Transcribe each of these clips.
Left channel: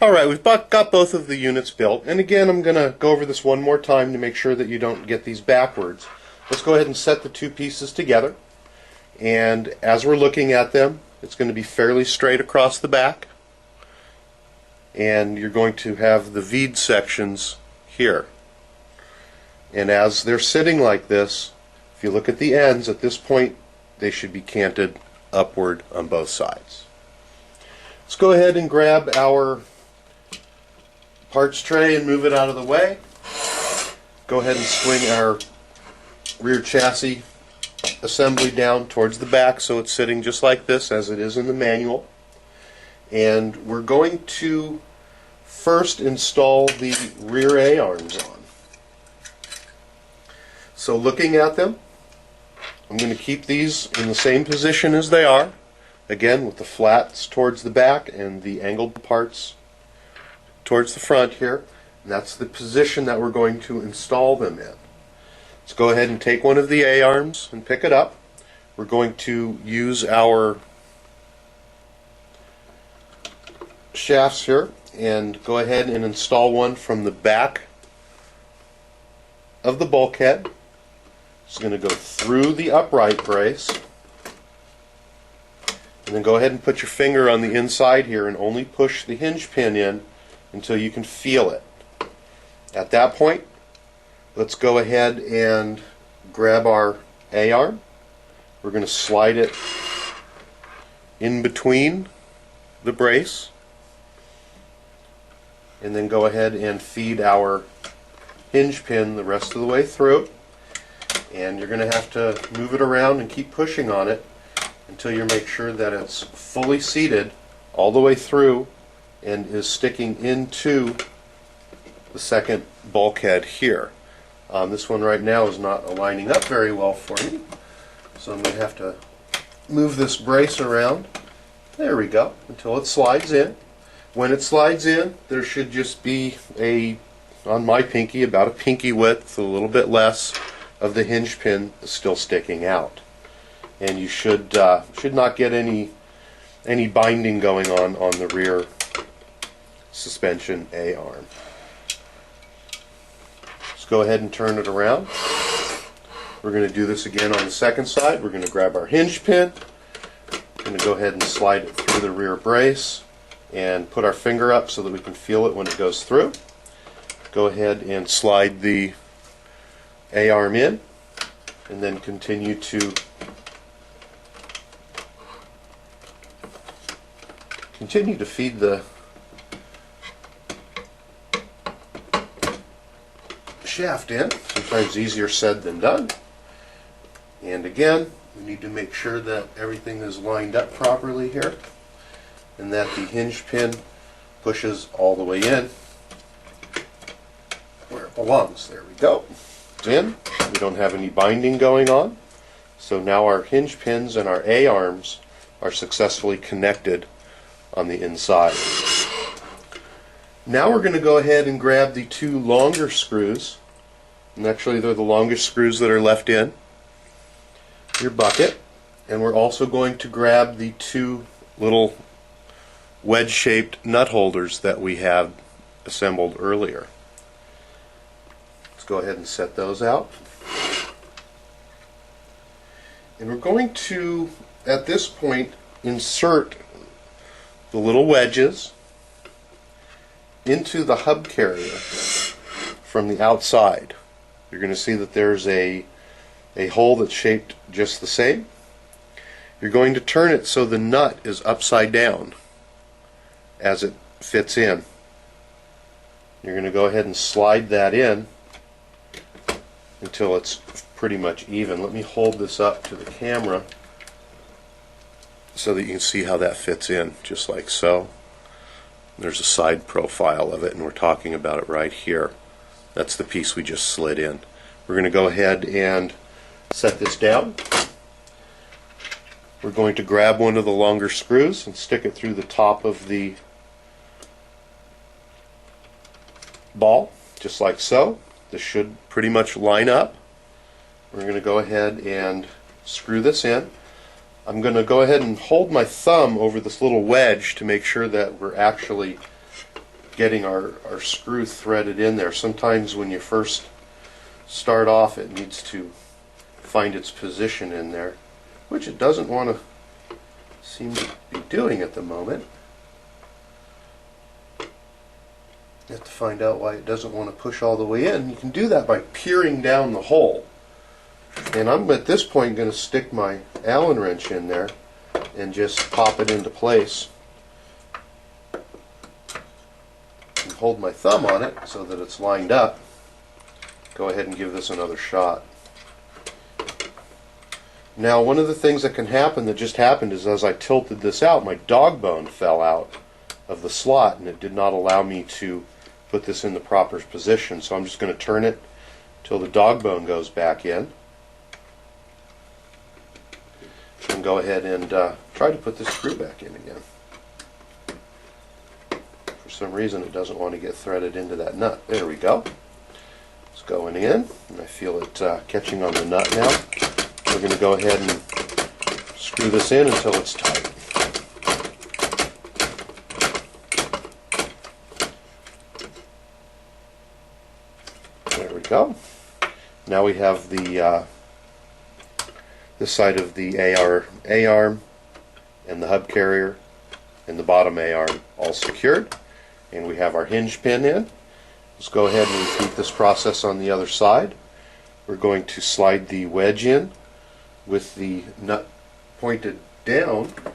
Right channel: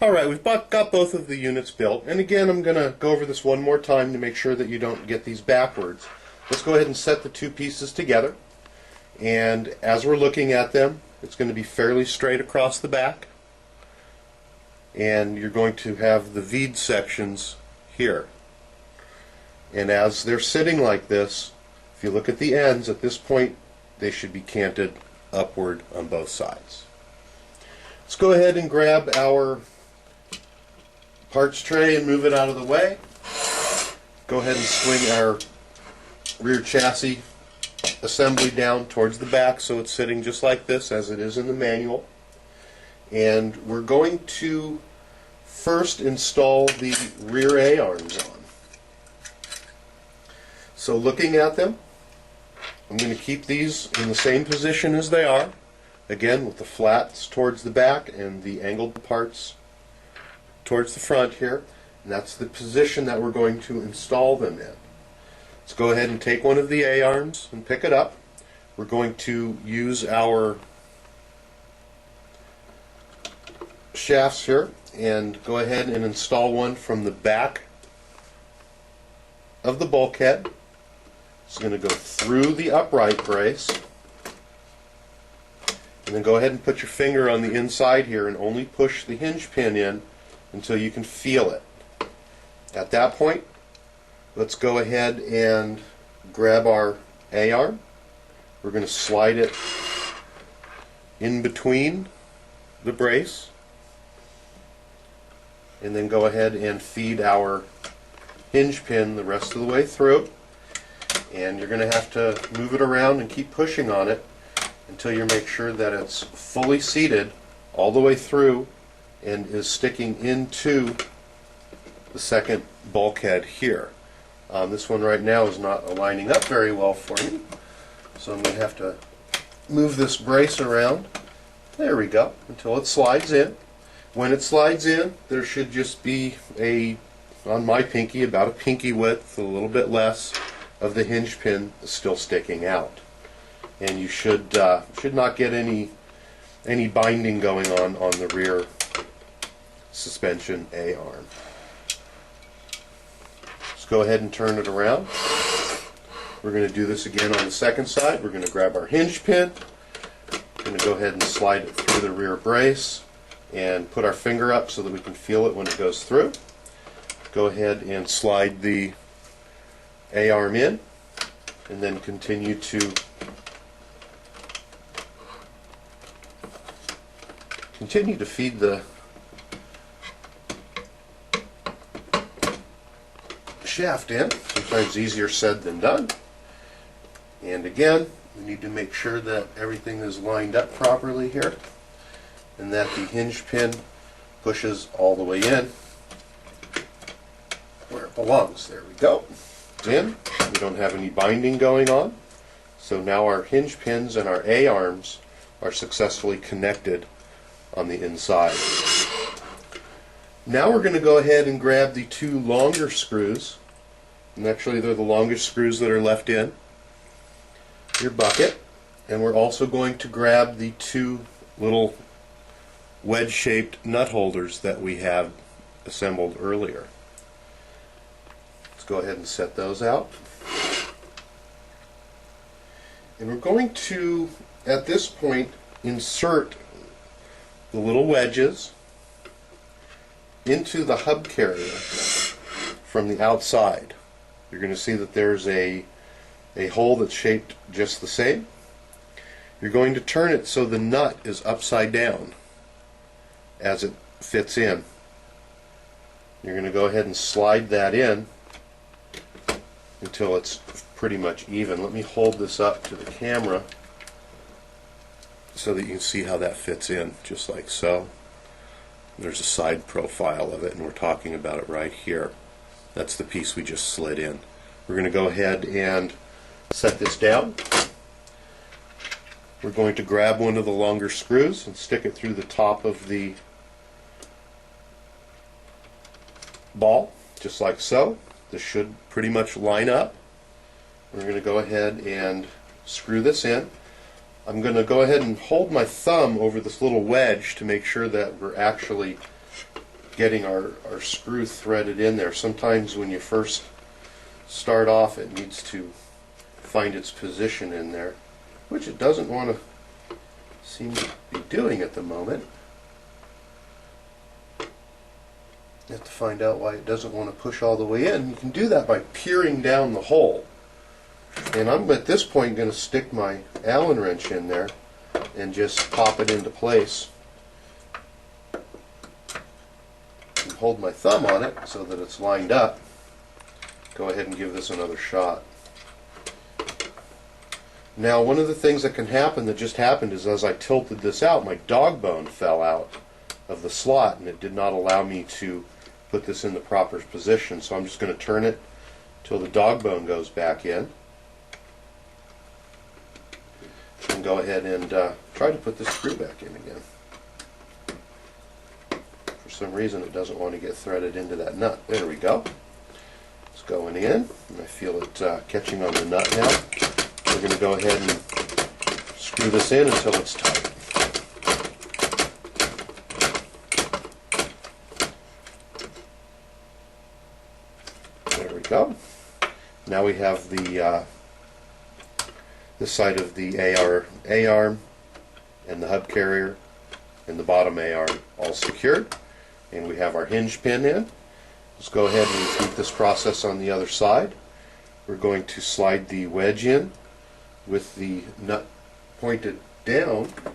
Alright, we've got both of the units built, and again I'm going to go over this one more time to make sure that you don't get these backwards. Let's go ahead and set the two pieces together, and as we're looking at them, it's going to be fairly straight across the back, and you're going to have the V'd sections here. And as they're sitting like this, if you look at the ends, at this point they should be canted upward on both sides. Let's go ahead and grab our parts tray and move it out of the way. Go ahead and swing our rear chassis assembly down towards the back so it's sitting just like this as it is in the manual. And we're going to first install the rear A-arms on. So looking at them, I'm going to keep these in the same position as they are, again with the flats towards the back and the angled parts towards the front here, and that's the position that we're going to install them in. Let's go ahead and take one of the A-arms and pick it up. We're going to use our shafts here and go ahead and install one from the back of the bulkhead. It's going to go through the upright brace, and then go ahead and put your finger on the inside here and only push the hinge pin in until you can feel it. At that point, let's go ahead and grab our A-arm. We're going to slide it in between the brace, and then go ahead and feed our hinge pin the rest of the way through. And you're going to have to move it around and keep pushing on it until you make sure that it's fully seated all the way through and is sticking into the second bulkhead here. This one right now is not aligning up very well for me, so I'm going to have to move this brace around. There we go, until it slides in. When it slides in, there should just be on my pinky, about a pinky width, a little bit less of the hinge pin still sticking out. And you should not get any binding going on the rear suspension A-arm. Let's go ahead and turn it around. We're going to do this again on the second side. We're going to grab our hinge pin. We're going to go ahead and slide it through the rear brace and put our finger up so that we can feel it when it goes through. Go ahead and slide the A-arm in, and then continue to feed the shaft in. Sometimes easier said than done. And again, we need to make sure that everything is lined up properly here and that the hinge pin pushes all the way in where it belongs. There we go. It's in. We don't have any binding going on. So now our hinge pins and our A-arms are successfully connected on the inside. Now we're going to go ahead and grab the two longer screws, and actually they're the longest screws that are left in your bucket, and we're also going to grab the two little wedge-shaped nut holders that we have assembled earlier. Let's go ahead and set those out. And we're going to, at this point, insert the little wedges into the hub carrier from the outside. You're going to see that there's a hole that's shaped just the same. You're going to turn it so the nut is upside down as it fits in. You're going to go ahead and slide that in until it's pretty much even. Let me hold this up to the camera so that you can see how that fits in, just like so. There's a side profile of it, and we're talking about it right here. That's the piece we just slid in. We're going to go ahead and set this down. We're going to grab one of the longer screws and stick it through the top of the ball, just like so. This should pretty much line up. We're going to go ahead and screw this in. I'm going to go ahead and hold my thumb over this little wedge to make sure that we're actually getting our screw threaded in there. Sometimes when you first start off, it needs to find its position in there, which it doesn't want to seem to be doing at the moment. You have to find out why it doesn't want to push all the way in. You can do that by peering down the hole. And I'm at this point going to stick my Allen wrench in there and just pop it into place. And hold my thumb on it so that it's lined up. Go ahead and give this another shot. Now, one of the things that can happen, that just happened, is as I tilted this out, my dog bone fell out of the slot and it did not allow me to put this in the proper position. So I'm just going to turn it till the dog bone goes back in. And go ahead and try to put this screw back in again. For some reason it doesn't want to get threaded into that nut. There we go. It's going in, and I feel it catching on the nut now. We're going to go ahead and screw this in until it's tight. There we go. Now we have the this side of the A-arm and the hub carrier and the bottom A-arm all secured, and we have our hinge pin in. Let's go ahead and repeat this process on the other side. We're going to slide the wedge in with the nut pointed down. I'm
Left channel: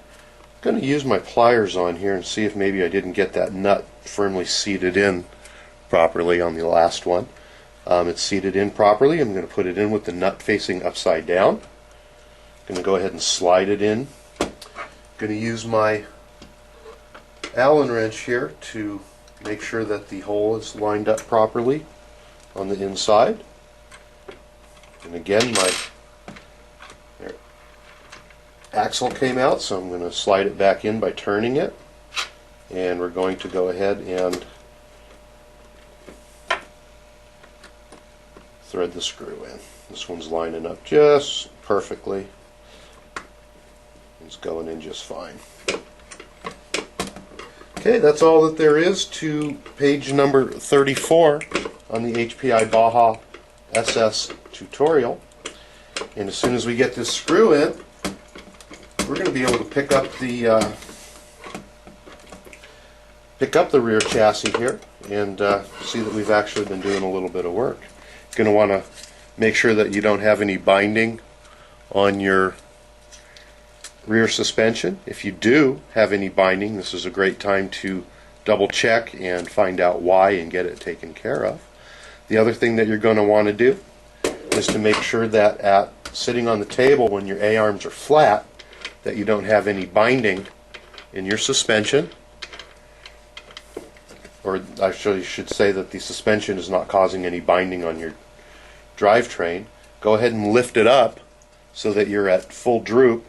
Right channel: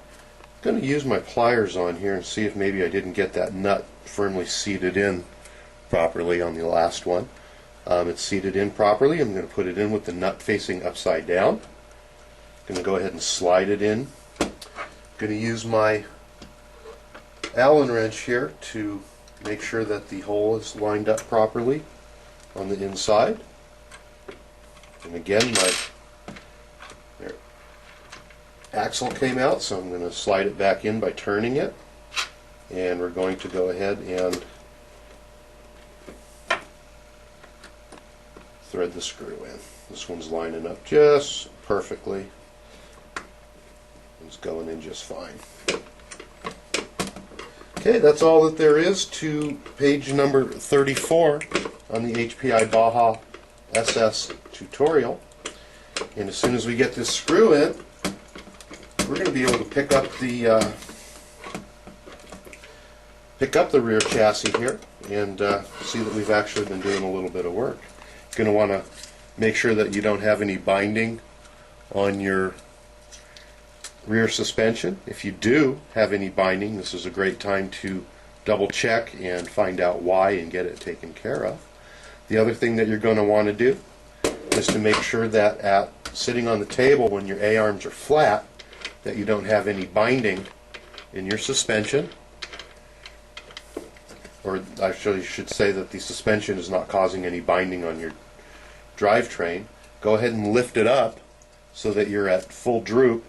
going to use my pliers on here and see if maybe I didn't get that nut firmly seated in properly on the last one. It's seated in properly. I'm going to put it in with the nut facing upside down. Going to go ahead and slide it in. Going to use my Allen wrench here to make sure that the hole is lined up properly on the inside. And again, my axle came out, so I'm going to slide it back in by turning it. And we're going to go ahead and thread the screw in. This one's lining up just perfectly. It's going in just fine. Okay, that's all that there is to page number 34 on the HPI Baja SS tutorial. And as soon as we get this screw in, we're going to be able to pick up the rear chassis here and see that we've actually been doing a little bit of work. You're going to want to make sure that you don't have any binding on your rear suspension. If you do have any binding, this is a great time to double check and find out why and get it taken care of. The other thing that you're going to want to do is to make sure that sitting on the table when your A-arms are flat, that you don't have any binding in your suspension, or actually you should say that the suspension is not causing any binding on your drivetrain. Go ahead and lift it up so that you're at full droop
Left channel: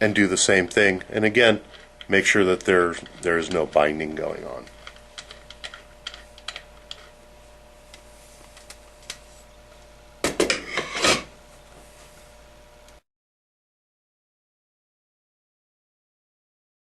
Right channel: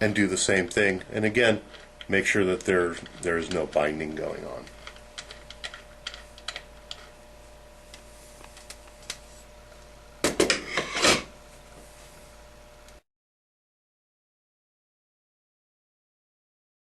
and do the same thing. And again, make sure that there is no binding going on.